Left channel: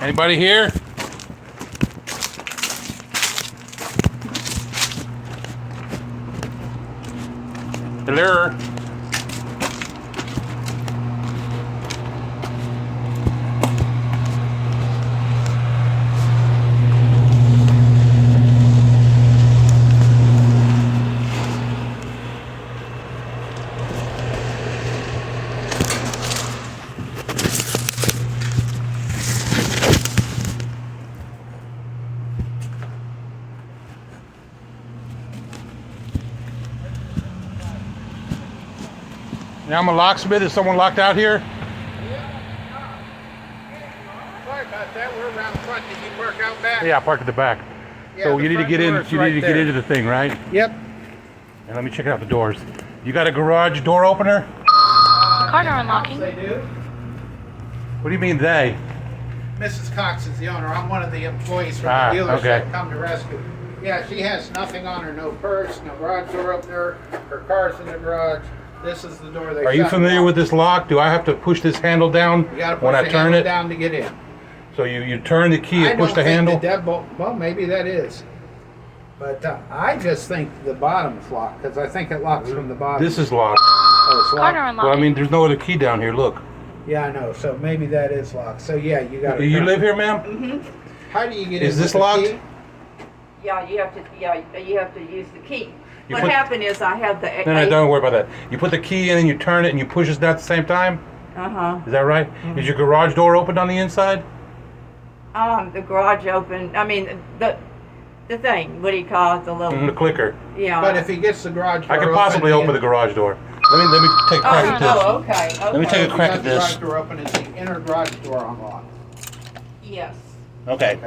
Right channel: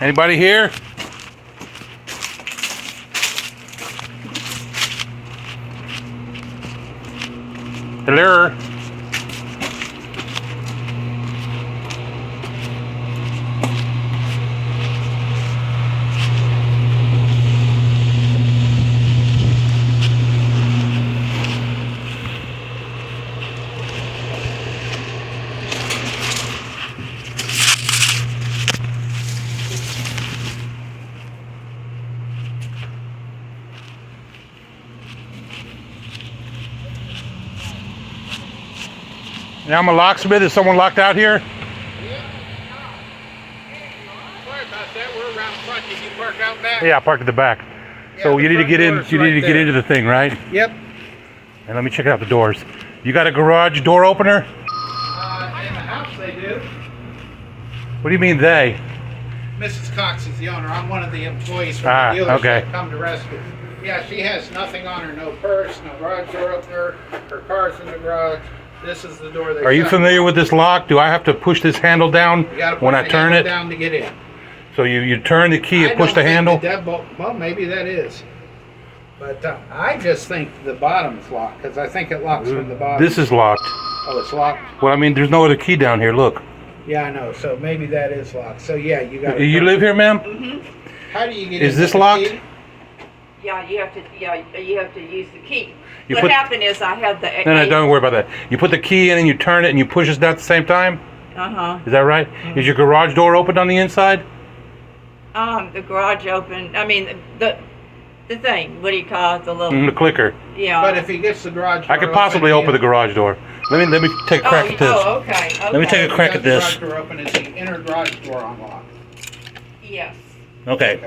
Anybody here? Hello? Yeah, I'm a locksmith. Is someone locked out here? Sorry about that. We're around the front. Did you park out back? Yeah, park at the back. Yeah, so you need to get in. You need to get into the thing, right? Yep. And let me check out the doors. You got a garage door opener? They do. What do you mean they? Mrs. Cox is the owner. I'm one of the employees from the dealership that come to rescue. Yeah, she has nothing on her. No purse, no garage door up there. Her car's in the garage. This is the door they Are you familiar with this lock? Do I have to push this handle down You gotta when push I the turn handle it? down to get in. So you turn the key I and push the don't think handle? the deadbolt, well, maybe that is. But I just think the bottom's locked because I think it locks from the bottom. This is locked. Oh, it's locked? Well, I mean, there's no other key down here. Look. Yeah, I know. So maybe that is locked. So yeah, you got to. You live here, ma'am? Mm-hmm. How do you get in? Is this with the locked? key? Yeah, you have to use the key. You What put- happened is I had the. No, don't worry about that. You put the key in and you turn it and you push it down at the same time? Uh-huh. Is that right? Is your garage door opened on the inside? The garage open. I mean, the thing. What do you call it? The little. The clicker. Yeah. But if he gets the garage door I could possibly open the garage door. Let me take a crack at this. Okay. Let me take a crack at this. The garage door open is the inner garage door unlocked. Yes. Okay.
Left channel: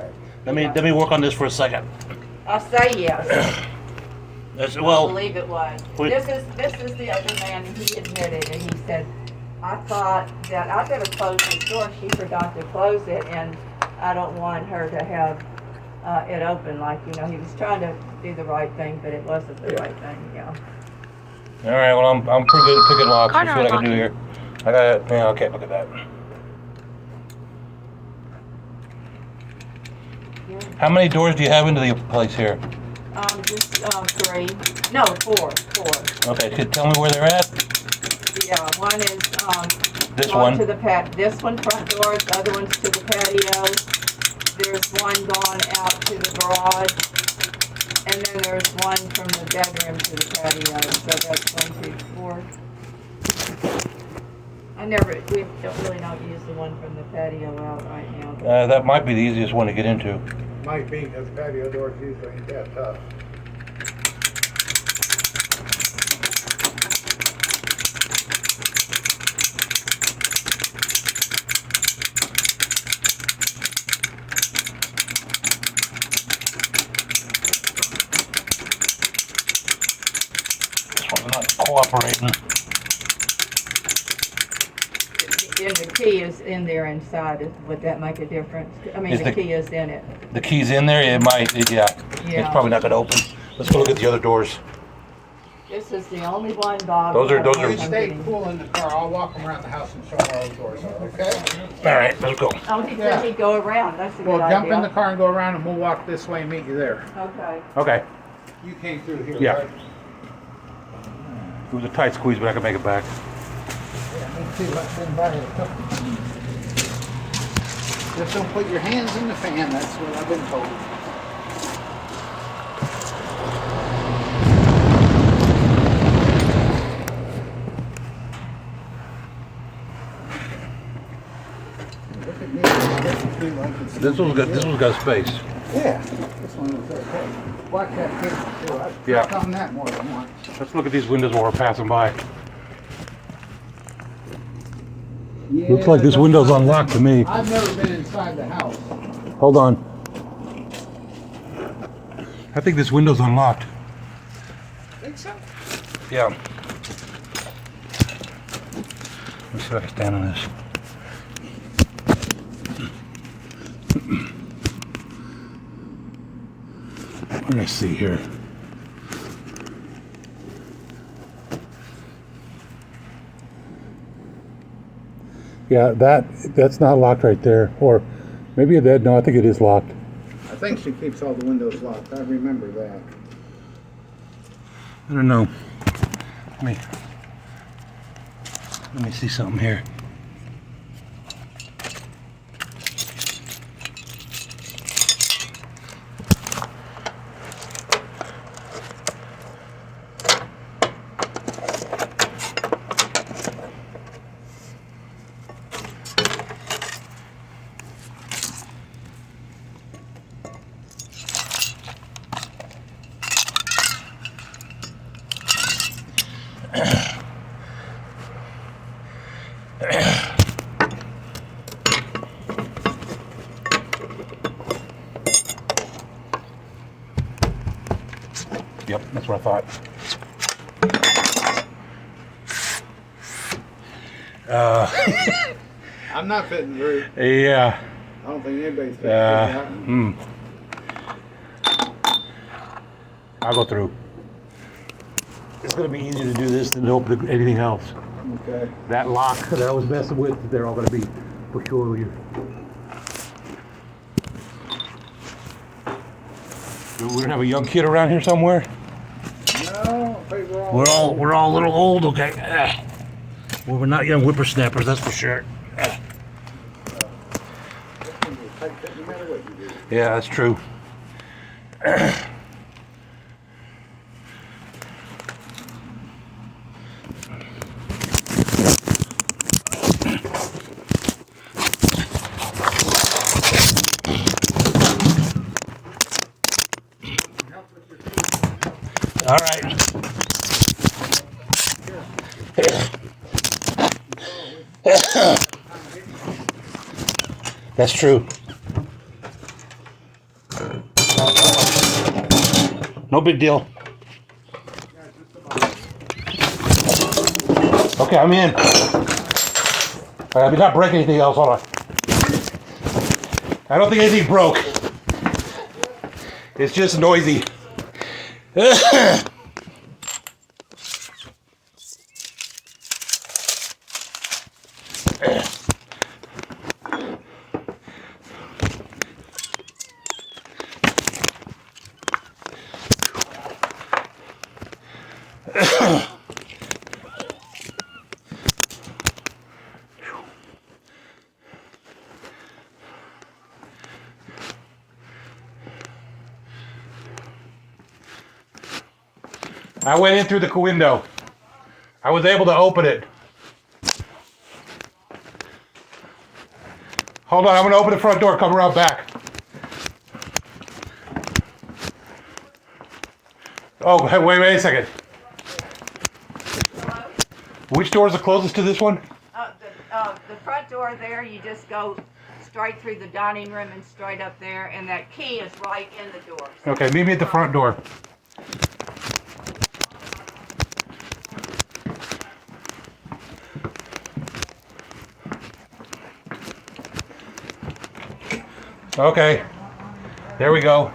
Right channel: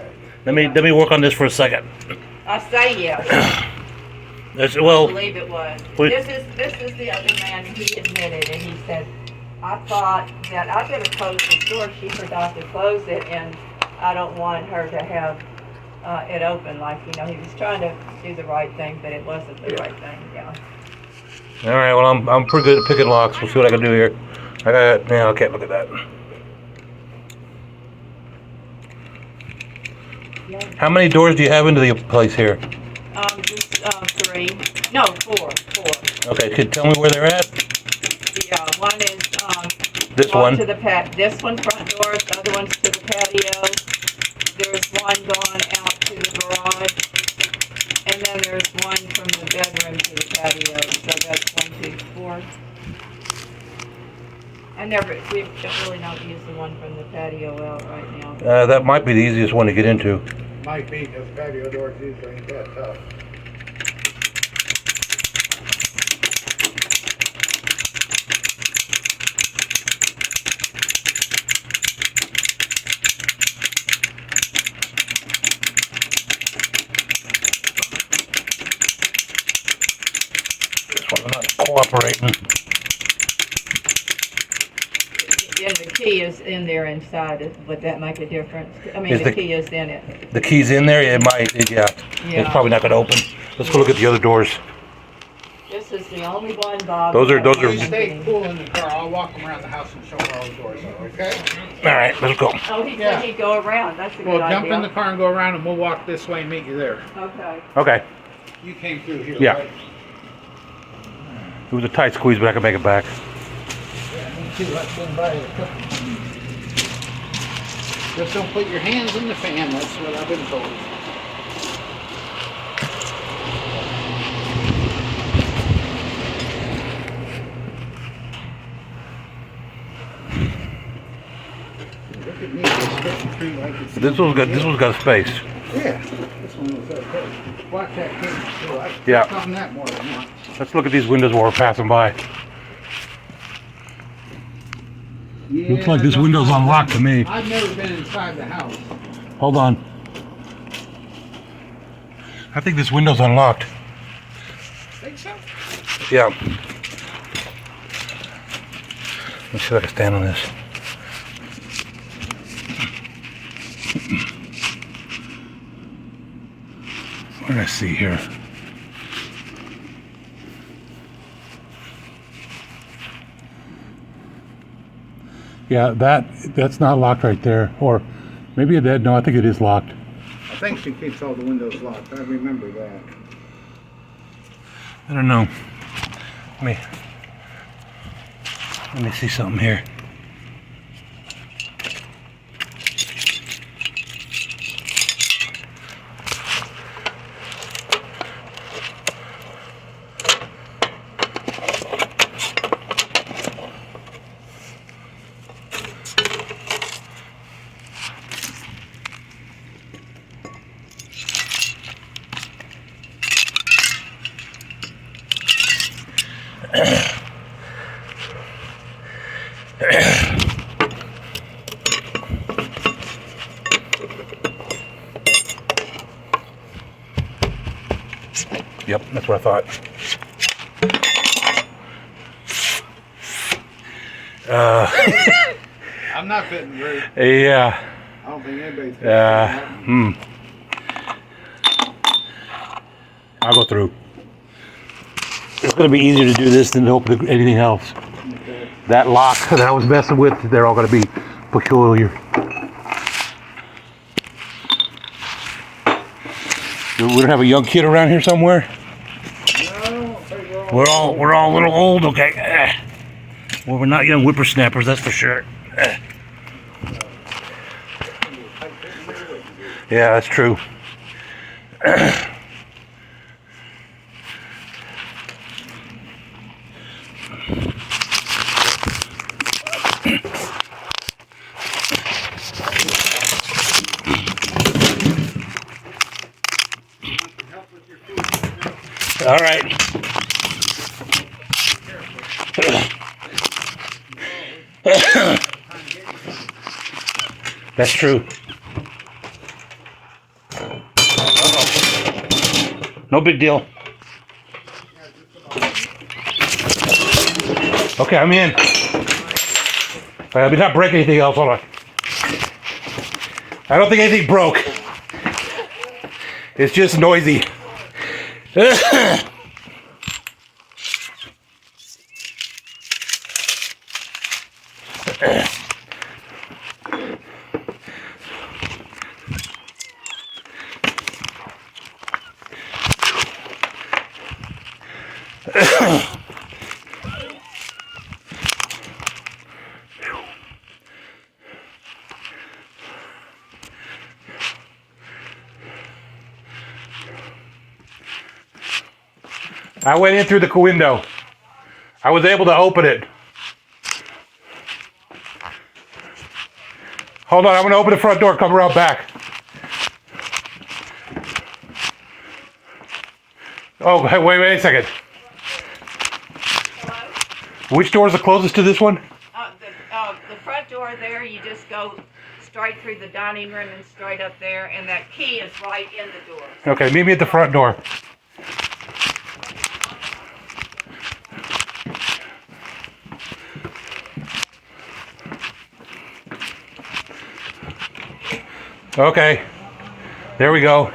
Let me work on this for a second. I say yes. I believe it was. This is the other man. He admitted, and he said, "I thought that I better close this door. She forgot to close it, and I don't want her to have it open. Like he was trying to do the right thing, but it wasn't the right thing. Yeah." All right. Well, I'm pretty good at picking locks. Let's see what I can do here. I got. Yeah. Okay. Look at that. Yeah. How many doors do you have into the place here? Just 3. No, 4. Okay. Could you tell me where they're at? Yeah, one is This going one. to the this one front door, the other one's to the patio. There's one going out to the garage, and then there's one from the bedroom to the patio. So that's 1, 2, 4. We don't really not use the one from the patio out right now. But That might be the easiest one to get into. Might be because patio doors usually ain't that tough. This one's not cooperating. and the key is in there inside. Would that make a difference? I mean, Is the key is in it. The key's in there? It might. Yeah. It's probably not going to open. Let's go look at the other doors. This is the only one, Bob. Those are- You stay cool in the car. I'll walk them around the house and show them all the doors are, okay? All right, let's go. Oh, he Yeah. said he'd go around. That's a Well, good jump idea. in the car and go around and we'll walk this way and meet you there. Okay. Okay. You came through here, Yeah. right? It was a tight squeeze, but I can make it back. Yeah, me too. Let's invite you. Just don't put your hands in the fan. That's what I've been told. Look at me, just stepping through like it's This one's got. This one's got space. Yeah, this one was okay. Watch that camera too. I've Yeah. clicked on that more than once. Let's look at these windows while we're passing by. Looks like this window's unlocked to me. I've never been inside the house. Hold on. I think this window's unlocked. Think so? Yeah. Let me see if I can stand on this. What do I see here? Yeah, that's not locked right there. Or maybe it did. No, I think it is locked. I think she keeps all the windows locked. I remember that. I don't know. Let me see something here. Yep, that's what I thought. I'm not fitting through. Yeah. I don't think anybody's fitting through. I'll go through. It's going to be easier to do this than to open anything else. Okay. That lock that I was messing with, they're all going to be peculiar. We don't have a young kid around here somewhere? No, I think We're all a little old, okay? Well, we're not young whippersnappers, that's for sure. Yeah, that's true. All right. That's true. No big deal. Okay, I'm in. I did not break anything else, hold on. I don't think anything broke. It's just noisy. I went in through the window. I was able to open it. Hold on, I'm going to open the front door, come around back. Oh, hey, wait a second. Hello? Which door is the closest to this one? The front door there, you just go straight through the dining room and straight up there, and that key is right in the door. Okay, meet me at the front door. Okay, there we go.